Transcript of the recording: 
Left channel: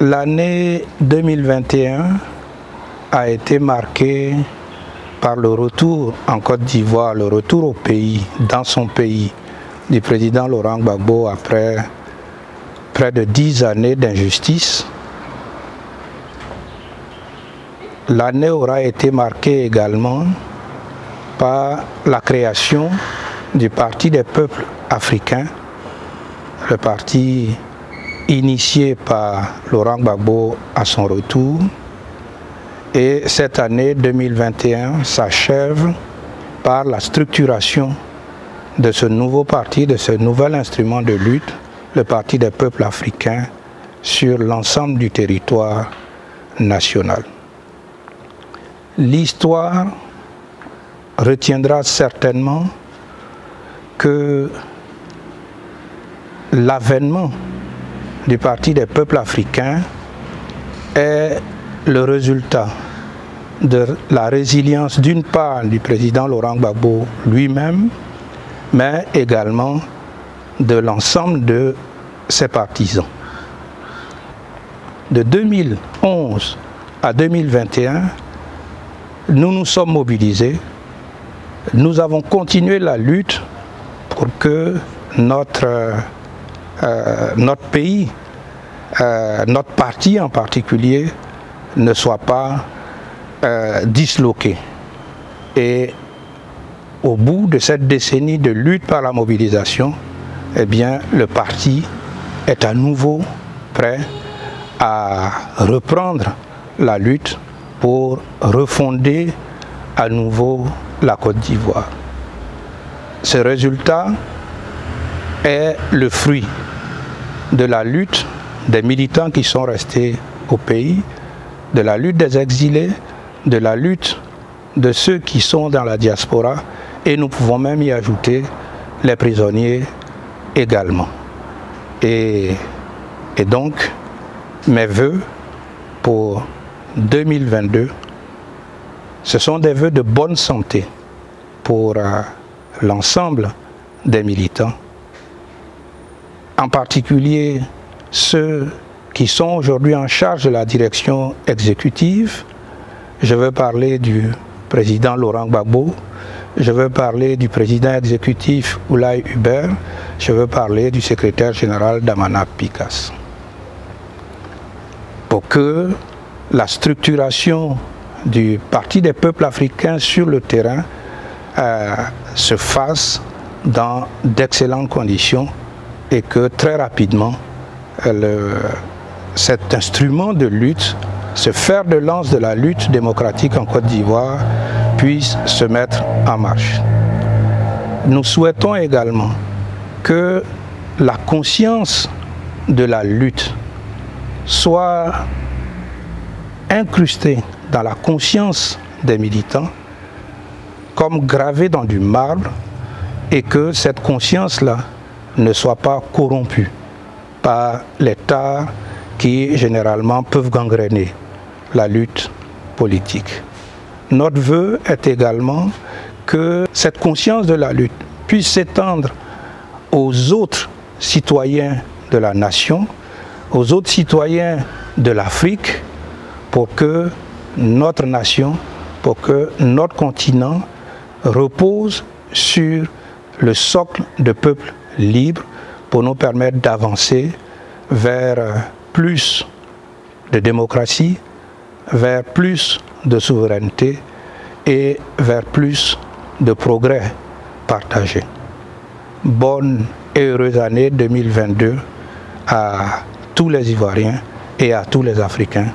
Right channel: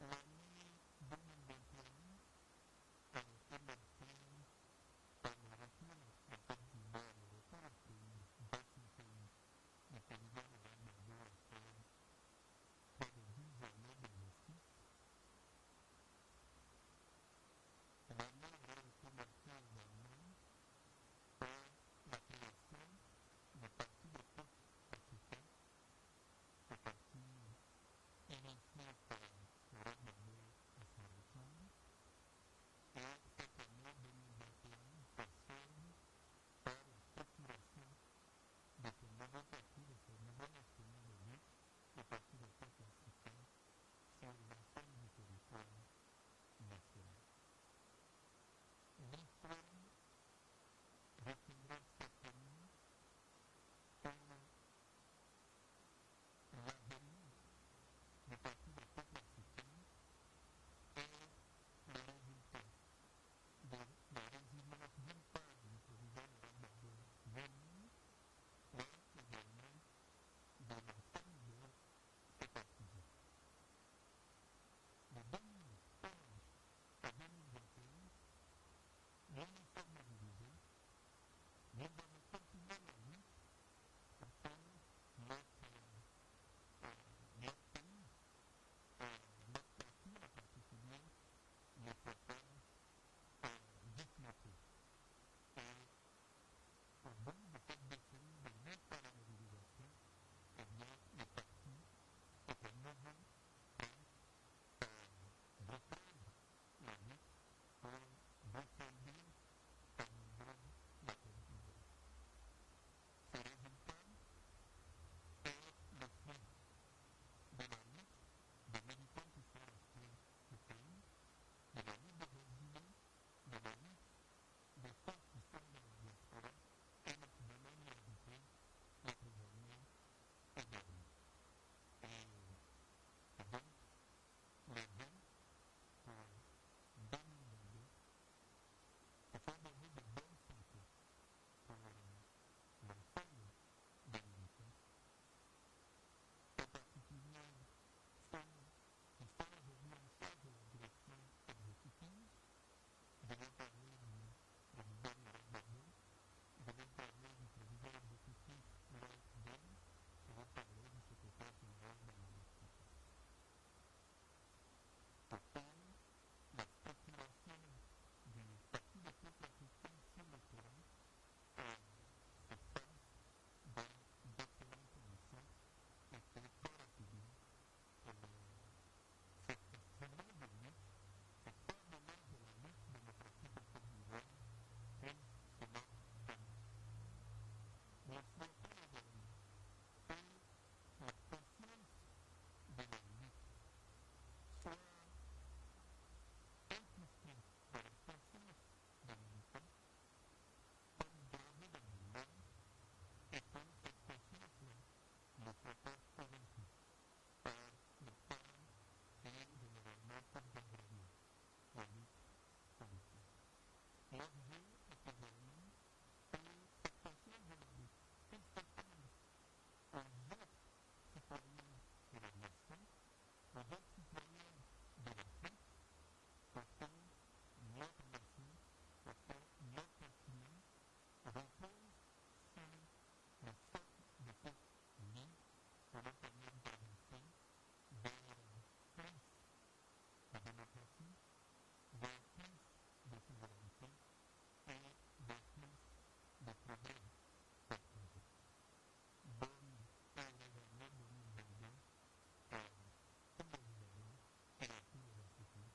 L'année 2021 a été marquée par le retour en Côte d'Ivoire, le retour au pays, dans son pays, du président Laurent Gbagbo après près de 10 années d'injustice. L'année aura été marquée également par la création du Parti des peuples africains, le parti initié par Laurent Gbagbo à son retour. Et cette année 2021 s'achève par la structuration de ce nouveau parti, de ce nouvel instrument de lutte, le Parti des peuples africains, sur l'ensemble du territoire national. L'histoire retiendra certainement que l'avènement du Parti des peuples africains est le résultat de la résilience d'une part du président Laurent Gbagbo lui-même, mais également de l'ensemble de ses partisans. De 2011 à 2021, nous nous sommes mobilisés, nous avons continué la lutte pour que notre pays, notre parti en particulier, ne soit pas disloqué. Et au bout de cette décennie de lutte par la mobilisation, eh bien, le parti est à nouveau prêt à reprendre la lutte pour refonder à nouveau la Côte d'Ivoire. Ce résultat est le fruit de la lutte des militants qui sont restés au pays, de la lutte des exilés, de la lutte de ceux qui sont dans la diaspora, et nous pouvons même y ajouter les prisonniers également. Et donc, mes vœux pour 2022, ce sont des vœux de bonne santé pour l'ensemble des militants, en particulier ceux qui sont aujourd'hui en charge de la direction exécutive. Je veux parler du président Laurent Gbagbo, je veux parler du président exécutif Oulaye Hubert, je veux parler du secrétaire général Damana Picasse. Pour que la structuration du Parti des peuples africains sur le terrain se fasse dans d'excellentes conditions et que très rapidement cet instrument de lutte, ce fer de lance de la lutte démocratique en Côte d'Ivoire puisse se mettre en marche. Nous souhaitons également que la conscience de la lutte soit incrustée dans la conscience des militants comme gravée dans du marbre, et que cette conscience-là ne soit pas corrompue par les tares qui généralement peuvent gangréner la lutte politique. Notre vœu est également que cette conscience de la lutte puisse s'étendre aux autres citoyens de la nation, aux autres citoyens de l'Afrique, pour que notre nation, pour que notre continent repose sur le socle de peuples libres, pour nous permettre d'avancer vers plus de démocratie, vers plus de souveraineté et vers plus de progrès partagés. Bonne et heureuse année 2022 à tous les Ivoiriens et à tous les Africains.